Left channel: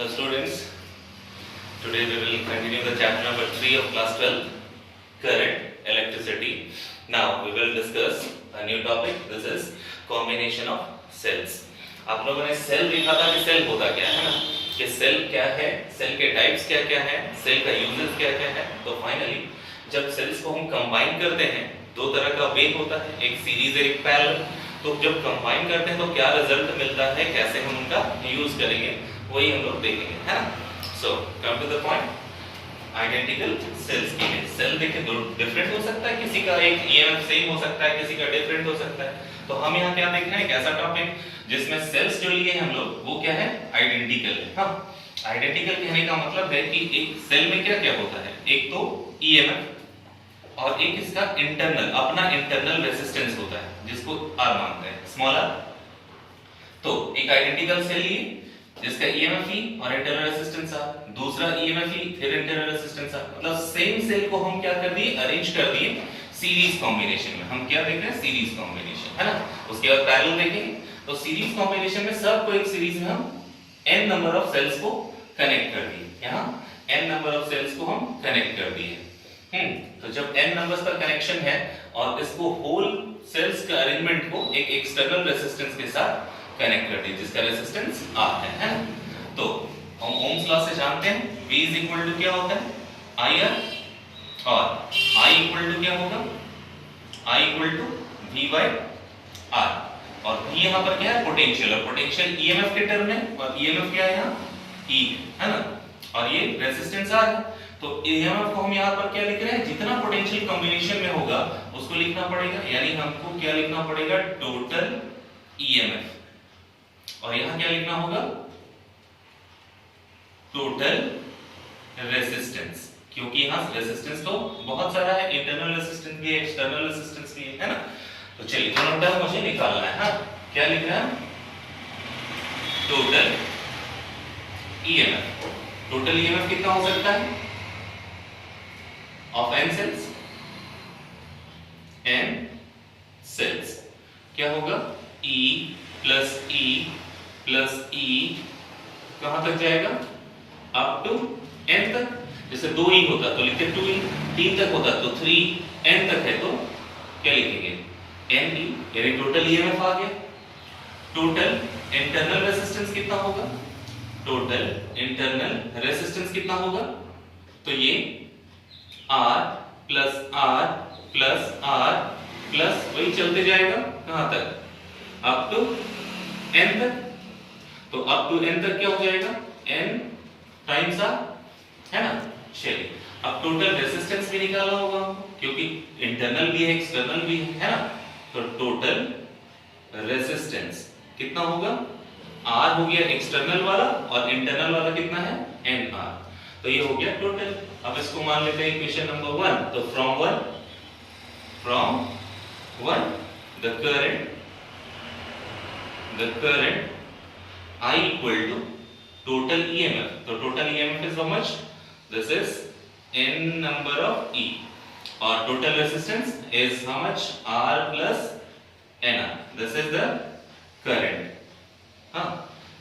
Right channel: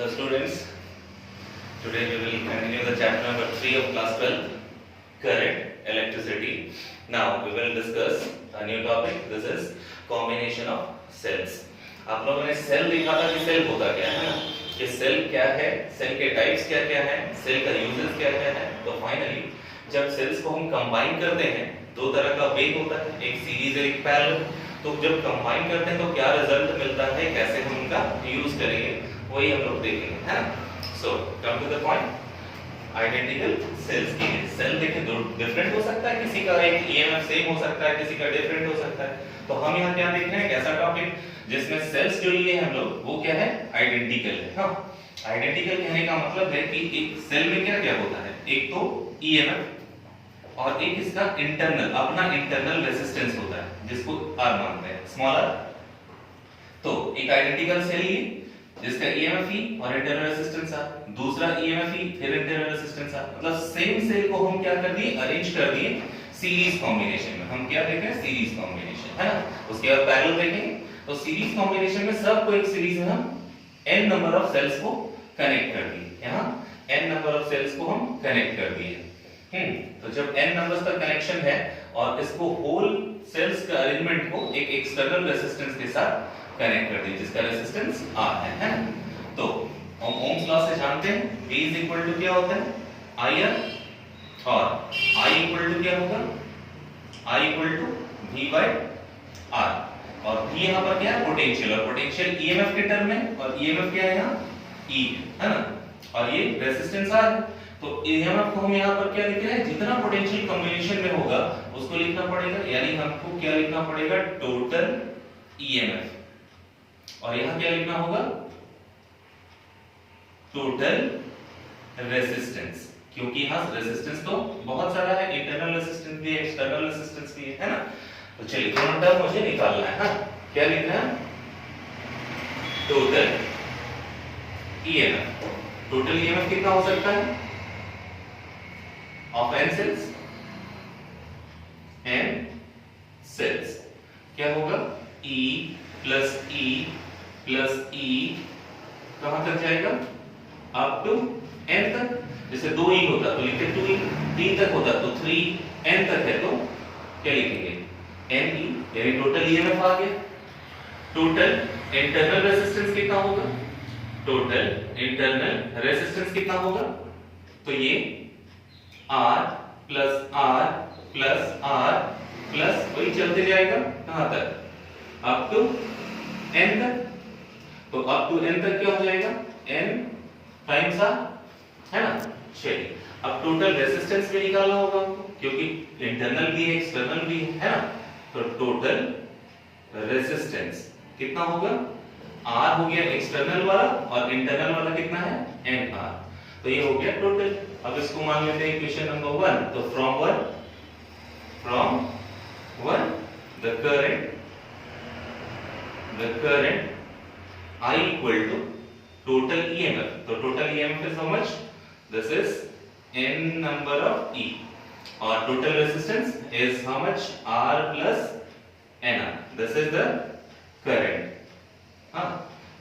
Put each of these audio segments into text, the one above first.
Hello students, today we will continue the chapter number 3 of class 12, current, electricity. Now we will discuss a new topic, this is combination of cells. आप लोगों ने cell देखा था कि cell होता क्या है ना, कि सेल क्या है, सेल के टाइप्स क्या क्या है, सेल का यूजेस क्या क्या है. तो फाइनली जब सेल्स को हम कंबाइन करते हैं, दो तरह का वे होता है, एक सीरीज और एक पैरेलल. तो जब कंबाइन करते हैं तो क्या रिजल्ट मिलता है, कैसे हम उनका यूज करेंगे, वही हम लोग देखेंगे, है ना. So come to the point. Identical cells की सेल देखें दो डिफरेंट हो सकता है, किसी का एक ईएमएफ सेम हो सकता है, किसी का डिफरेंट हो सकता है. तो हम यहाँ क्या देख रहे हैं, एक ऐसा टॉपिक जिसमें सेल्स जो लिए हम लोग वो क्या है, आइडेंटिकल है. हाँ, आइडेंटिकल कहने का मतलब है कि एक सेल में क्या क्या होता है, एक तो ईएमएफ और एक इसका इंटरनल, अपना इंटरनल रेजिस्टेंस होता है जिसको आर मानते हैं, स्मॉल आर. तो एक आइडेंटिकल सेल लिए जिसका ईएमएफ ई और इंटरनल रेजिस्टेंस आर, दूसरा ईएमएफ ई फिर इंटरनल रेजिस्टेंस आर. मतलब सेम सेल को हम क्या कर दिए, अरेंज कर दिए सीरीज कॉम्बिनेशन में. हम क्या देख रहे हैं, सीरीज कॉम्बिनेशन, है ना. उसके बाद पैरेलल देखेंगे. तो सीरीज कॉम्बिनेशन में सबको एक सीरीज में हम n नंबर ऑफ सेल्स को कनेक्ट कर दिए. यहाँ n नंबर ऑफ सेल्स को हम कनेक्ट कर दिए. तो जब n नंबर्स का कनेक्शन है और इसको होल सेल्स का अरेंजमेंट को एक एक्सटर्नल रेजिस्टेंस के साथ कनेक्ट कर दिए जिसका रेजिस्टेंस R है ना. तो हम ओम्स लॉ से जानते हैं V इज इक्वल टू क्या होता है, IR, और I इक्वल टू क्या होगा, I equal to V by R. और V यहाँ पर क्या है, पोटेंशियल, और पोटेंशियल EMF के टर्म में, और EMF क्या है यहाँ, E है ना, और ये रेजिस्टेंस R है. तो EMF को हम यहाँ पर क्या लिख रहे हैं, जितना पोटेंशियल कॉम्बिनेशन में होगा उसको लिखना पड़ेगा, यानी हमको क्या लिखना पड़ेगा, टोटल EMF. और यहाँ क्या लिखना होगा, टोटल रेजिस्टेंस, क्योंकि यहाँ रेजिस्टेंस तो बहुत सारा है, इंटरनल रेजिस्टेंस भी है, एक्सटर्नल रेजिस्टेंस भी है ना. तो चलिए दोनों टर्म मुझे निकालना है ना. क्या लिखना है, टोटल EMF. टोटल EMF कितना हो सकता है, of n cells, n cells क्या होगा, E plus E plus E कहां तक जाएगा, अप टू n तक. जैसे 2E होता तो लिखते 2E, 3 तक होता तो 3n तक है तो क्या लिखेंगे, NE, यानी टोटल EMF आ गया. टोटल इंटरनल रेजिस्टेंस कितना होगा, टोटल इंटरनल रेजिस्टेंस कितना होगा, तो ये R plus R plus R plus वही चलते जाएगा कहां तक, अप टू n तक. तो अप टू n तक क्या हो जाएगा, n टाइम्स R, है ना. चलिए अब टोटल रेजिस्टेंस भी निकालना होगा हमको, क्योंकि इंटरनल भी है एक्सटर्नल भी है ना. तो टोटल रेजिस्टेंस कितना होगा, R हो गया एक्सटर्नल वाला और इंटरनल वाला कितना है, NR. तो ये हो गया टोटल. अब इसको मान लेते हैं इक्वेशन नंबर 1. तो from 1 the current I equal to total EMF. तो total EMF is how much, this is n number of E, और total resistance is how much, R plus NR. This is the current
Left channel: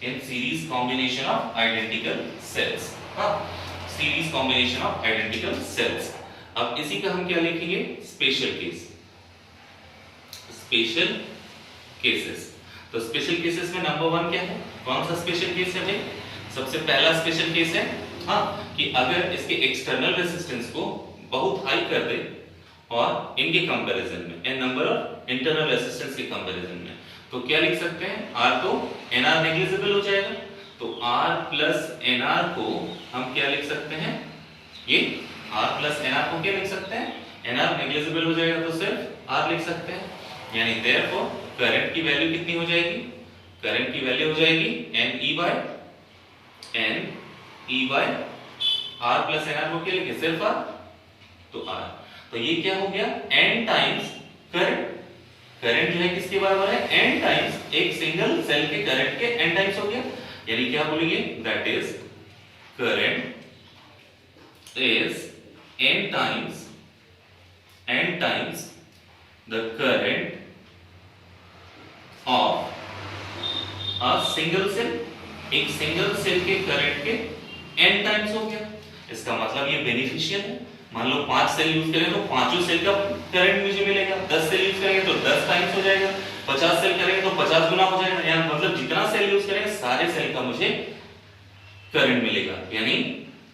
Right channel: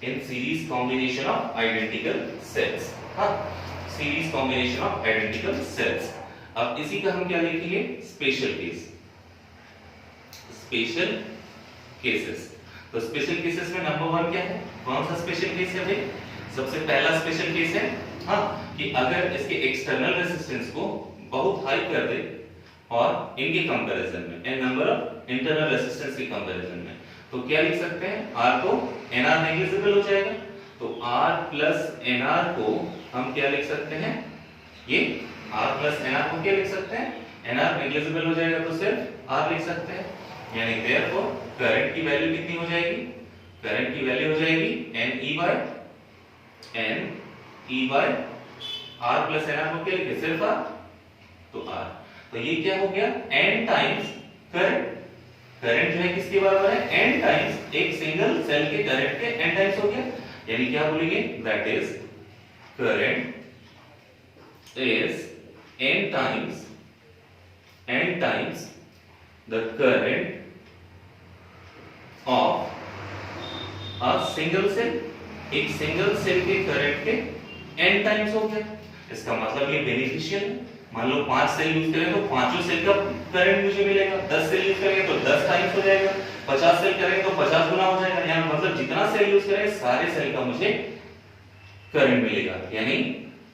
in series combination of identical cells. Series combination of identical sales. अब इसी का हम क्या लिखेंगे, special case, special cases. तो special cases में number 1 क्या है, कौन सा स्पेशल केस है भाई, सबसे पहला स्पेशल केस है कि अगर इसके एक्सटर्नल रेजिस्टेंस को बहुत हाई कर दे और इनके कंपैरिजन में n number of internal resistance के कंपैरिजन में, तो क्या लिख सकते हैं, R तो NR नेग्लिजिबल हो जाएगा. तो R प्लस NR को हम क्या लिख सकते हैं, ये R प्लस NR को क्या लिख सकते हैं, NR नेग्लिजिबल हो जाएगा तो सिर्फ R लिख सकते हैं. यानी देयरफॉर करंट की वैल्यू कितनी हो जाएगी, करंट की वैल्यू हो जाएगी NE by R plus NR को क्या लिखे, सिर्फ R, तो R. तो ये क्या हो गया, n टाइम्स करंट. करंट जो है किसके बराबर है, n टाइम्स एक सिंगल सेल के करंट के n टाइम्स हो गया. यानी क्या बोलेंगे, that is current is n times the current of a single cell. एक सिंगल सेल के करंट के n टाइम्स हो गया। इसका मतलब ये बेनिफिशियल है। मान लो 5 सेल यूज करें तो पांचों सेल का करंट मुझे मिलेगा। 10 सेल यूज करेंगे तो 10 टाइम्स हो जाएगा। 50 सेल करेंगे तो 50 गुना हो जाएगा। यानी मतलब जितना सेल यूज करेंगे सारे सेल का मुझे करंट मिलेगा। यानी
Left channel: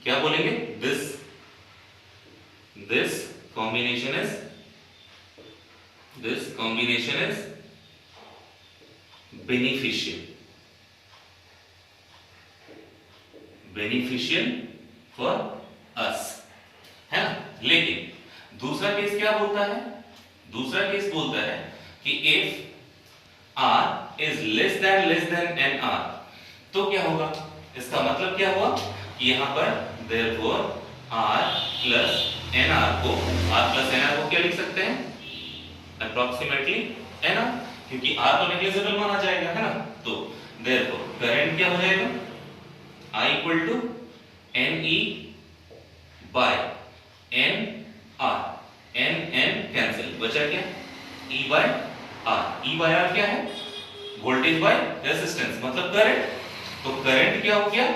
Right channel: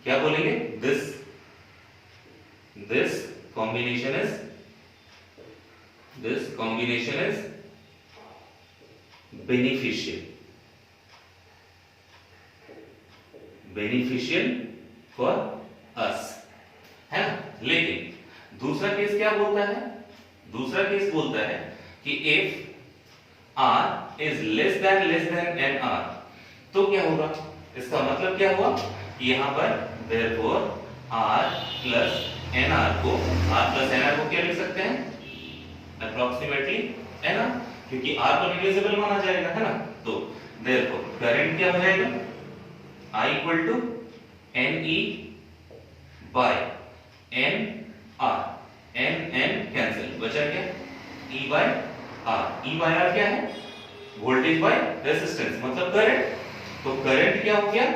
क्या बोलेंगे, this combination is beneficial for us, है ना। लेकिन दूसरा केस क्या बोलता है, दूसरा केस बोलता है कि if r is less than nr, तो क्या होगा, इसका मतलब क्या हुआ कि यहां पर therefore r plus nr को क्या लिख सकते हैं, अप्रोक्सीमेटली nr, क्योंकि r तो नेग्लिजिबल माना जाएगा, है ना। तो therefore करंट क्या हो जाएगा, I equal to NE by NR, N cancel, बचा क्या, E by R क्या है, वोल्टेज बाय रेजिस्टेंस, मतलब करंट। तो करंट क्या हो गया,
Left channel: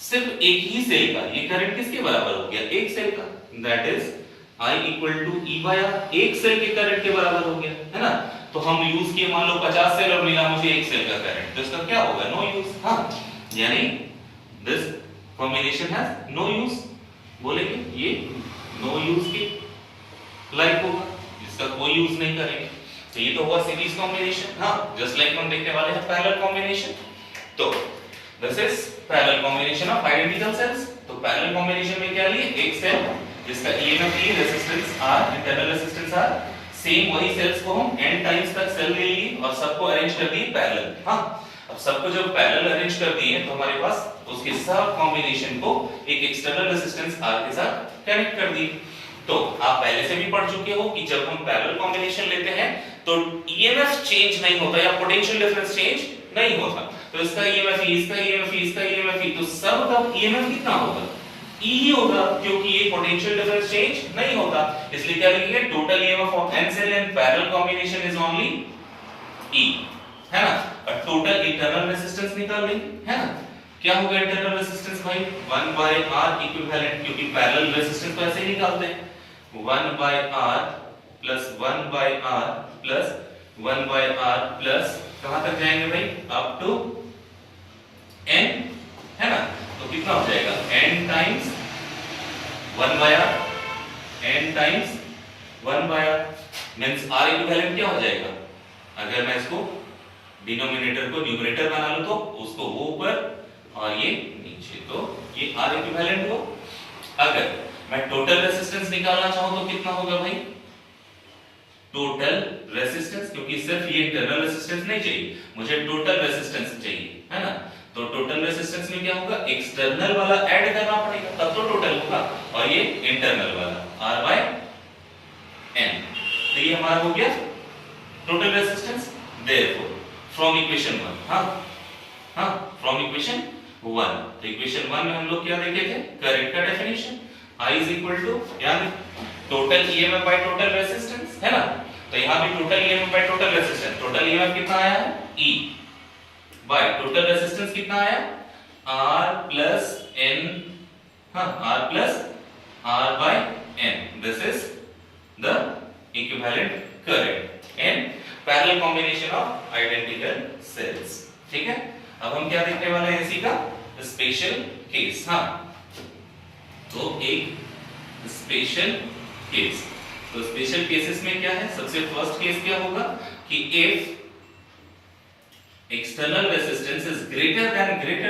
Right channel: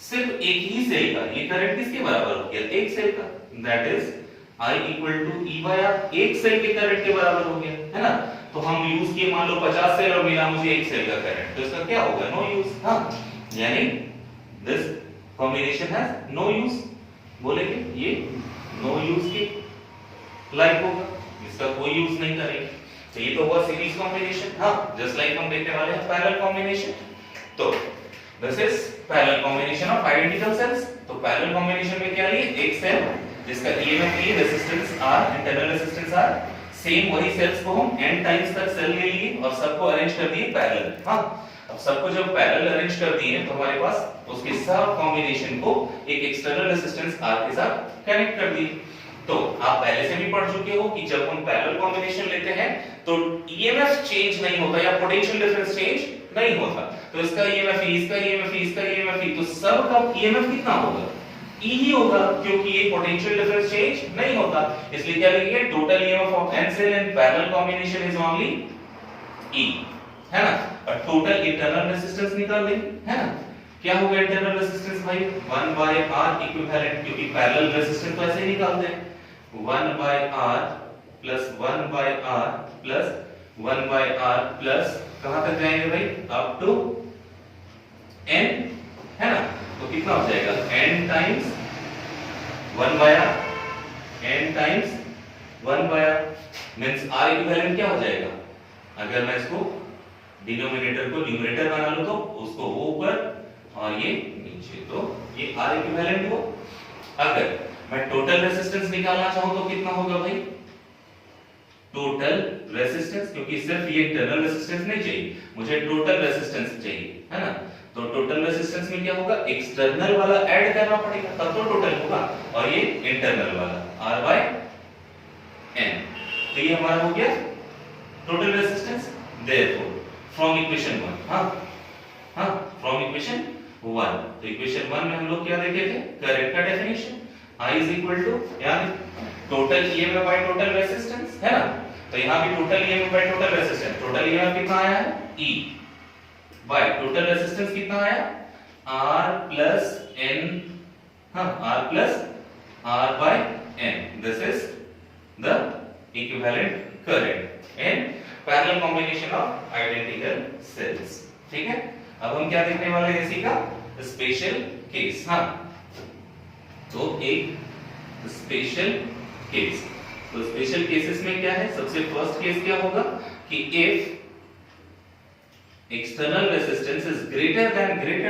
सिर्फ एक ही सेल का, ये करंट किसके बराबर हो गया, एक सेल का, that is I equal to E by R, एक सेल के करंट के बराबर हो गया, है ना। तो हम यूज किए मान लो 50 सेल और मिला मुझे एक सेल का करंट, तो इसका क्या होगा, नो यूज। हाँ, यानी this combination has no use, बोलेंगे ये नो यूज के लाइक होगा, इसका कोई यूज नहीं करेंगे। तो ये तो हुआ सीरीज कॉम्बिनेशन। हाँ, जस्ट लाइक हम देखने वाले हैं पैरेलल कॉम्बिनेशन। तो this is parallel combination of identical sales. तो पैरेलल कॉम्बिनेशन में क्या लिए, एक सेल जिसका EMF E, resistance R, internal resistance R, same वही सेल्स को हम n टाइम्स तक सेल ले लिए और सबको अरेंज कर दिए पैरेलल। हाँ, अब सबको जब पैरेलल अरेंज कर दिए तो हमारे पास उसके सब कॉम्बिनेशन को एक एक्सटर्नल रेजिस्टेंस R के साथ कनेक्ट कर दिए। तो आप पहले से भी पढ़ चुके हो कि जब हम पैरेलल कॉम्बिनेशन लेते हैं तो ईएमएफ चेंज नहीं होता या पोटेंशियल डिफरेंस चेंज नहीं होता। तो इसका ईएमएफ E, इसका ईएमएफ E, इसका ईएमएफ E, तो सब का ईएमएफ कितना होगा, E ही होगा, क्योंकि ये पोटेंशियल डिफरेंस चेंज नहीं होता। इसलिए क्या लिखेंगे, total EMF of n cell in parallel combination is only E, है ना। और टोटल इंटरनल रेजिस्टेंस निकाल लेंगे, है ना। क्या होगा इंटरनल रेजिस्टेंस भाई, 1 by R इक्विवेलेंट, क्योंकि पैरेलल रेजिस्टेंस तो ऐसे ही निकालते हैं, 1 by R plus 1 by R plus 1 by R plus कहां तक जाएंगे भाई, अप टू n, है ना। तो कितना हो जाएगा, n times 1 by R, n times 1 by R means R equivalent क्या हो जाएगा, अगर मैं इसको डिनोमिनेटर को न्यूमरेटर बना लूं तो उसको वो ऊपर और ये नीचे, तो ये R इक्विवेलेंट हो। अगर मैं टोटल रेजिस्टेंस निकालना चाहूं तो कितना होगा भाई, टोटल रेजिस्टेंस, क्योंकि सिर्फ ये इंटरनल रेजिस्टेंस नहीं चाहिए, मुझे टोटल रेजिस्टेंस चाहिए, है ना। तो टोटल रेजिस्टेंस में क्या होगा, एक्सटर्नल वाला ऐड करना पड़ेगा तब तो टोटल होगा, और ये इंटरनल वाला R by N। तो ये हमारा हो गया total resistance. Therefore from equation 1, हाँ फ्रॉम इक्वेशन 1, तो इक्वेशन 1 में हम लोग क्या देखे थे, करंट का definition, I is equal to यानी total EMF by total resistance, है ना। तो यहाँ भी total EMF by total resistance, total EMF कितना आया है, E by टोटल रेजिस्टेंस कितना आया, R plus N, हाँ R plus R by N, this is the equivalent current in parallel combination of identical cells। ठीक है, अब हम क्या देखने वाले हैं, इसी का स्पेशल केस। हाँ, तो एक स्पेशल केस, तो स्पेशल केसेस में क्या है, सबसे फर्स्ट केस क्या होगा कि if external resistance is greater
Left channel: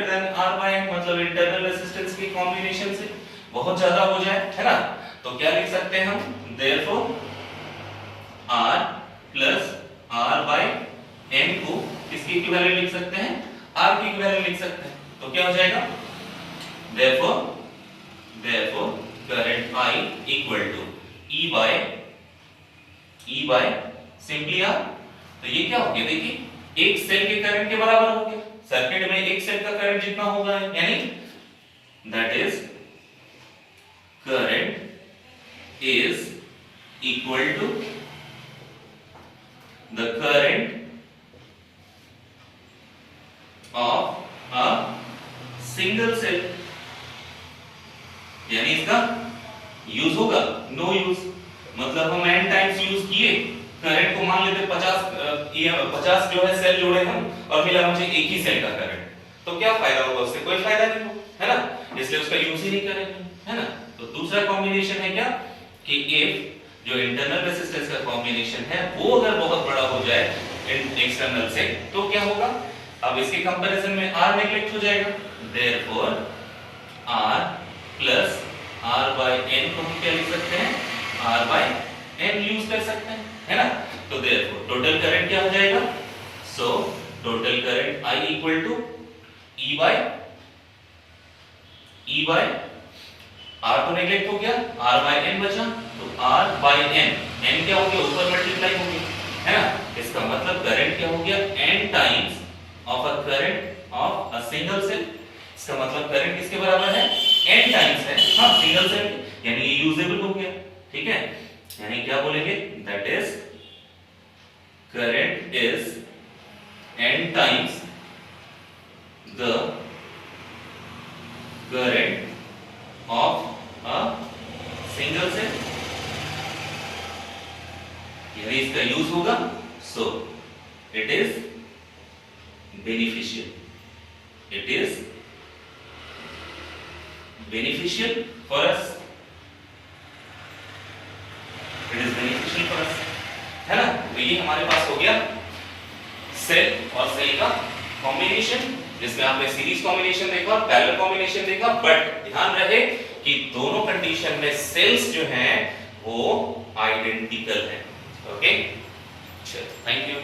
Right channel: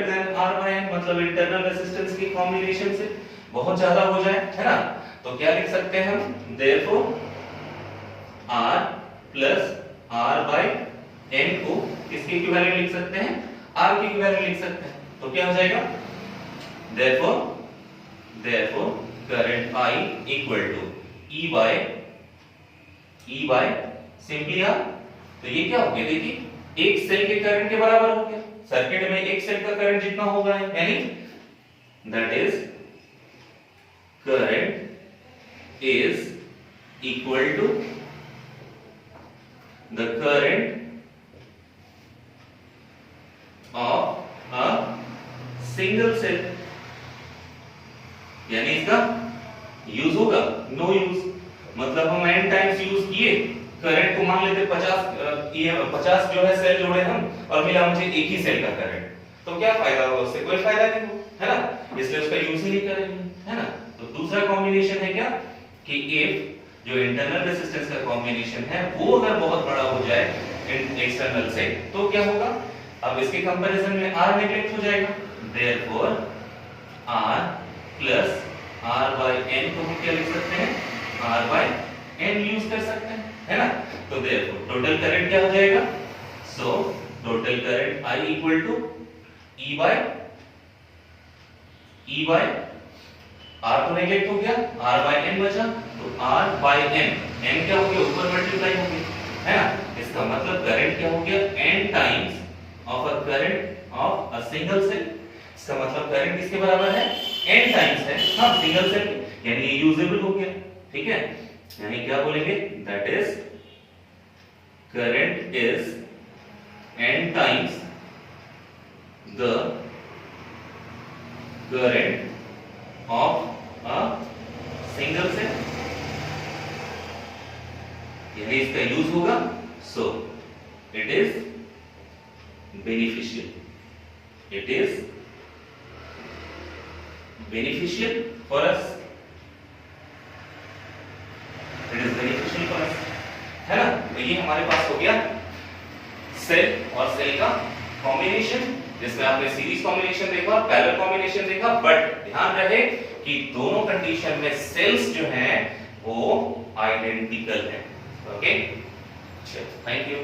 than R by N, मतलब इंटरनल रेजिस्टेंस के कॉम्बिनेशन से बहुत ज्यादा हो जाए, है ना। तो क्या लिख सकते हैं हम, therefore R plus R by N को किसके इक्विवेलेंट लिख सकते हैं, R के इक्विवेलेंट लिख सकते हैं। तो क्या हो जाएगा, therefore current I equal to E by simply R। तो ये क्या हो गया, देखिए एक सेल के करंट के बराबर हो गया, सर्किट में एक सेल का करंट जितना होगा, यानी that is current is equal to the current of a single cell, यानी इसका यूज होगा नो यूज, मतलब हम n टाइम्स यूज किए, करंट को मान लेते 50 जो है सेल जोड़े हम और मिला मुझे एक ही सेल का करंट, तो क्या फायदा होगा उससे? कोई फायदा नहीं होगा, है ना, इसलिए उसका यूज ही नहीं करेंगे, है ना। तो दूसरा कॉम्बिनेशन है क्या कि इफ जो इंटरनल रेजिस्टेंस का कॉम्बिनेशन है वो अगर बहुत बड़ा हो जाए एक्सटर्नल से तो क्या होगा? अब इसके कंपैरिजन में R नेगलेक्ट हो जाएगा, therefore R plus R by N को हम क्या लिख सकते हैं? R by N यूज कर सकते हैं, है ना। तो देयरफॉर टोटल करंट क्या हो जाएगा? So total current I equal to E by R तो नेगलेक्ट हो गया, R by N बचा, तो R by N, N क्या हो गया? ऊपर मल्टीप्लाई हो गया, है ना। इसका मतलब करंट क्या हो गया? N times of a current of a single cell. इसका मतलब करंट किसके बराबर है? N टाइम्स है, हाँ, सिंगल सेल, यानी ये यूजेबल हो गया, ठीक है। यानी क्या बोलेंगे? That is current is N times the current of a single cell, यानी इसका यूज होगा, so it is beneficial, it is beneficial for us, it is beneficial for us, है ना। तो ये हमारे पास हो गया सेल और सेल का कॉम्बिनेशन, जिसमें आपने सीरीज कॉम्बिनेशन देखा और पैरेलल कॉम्बिनेशन देखा, बट ध्यान रहे कि दोनों कंडीशन में सेल्स जो हैं वो आइडेंटिकल हैं, ओके। चलो, थैंक यू।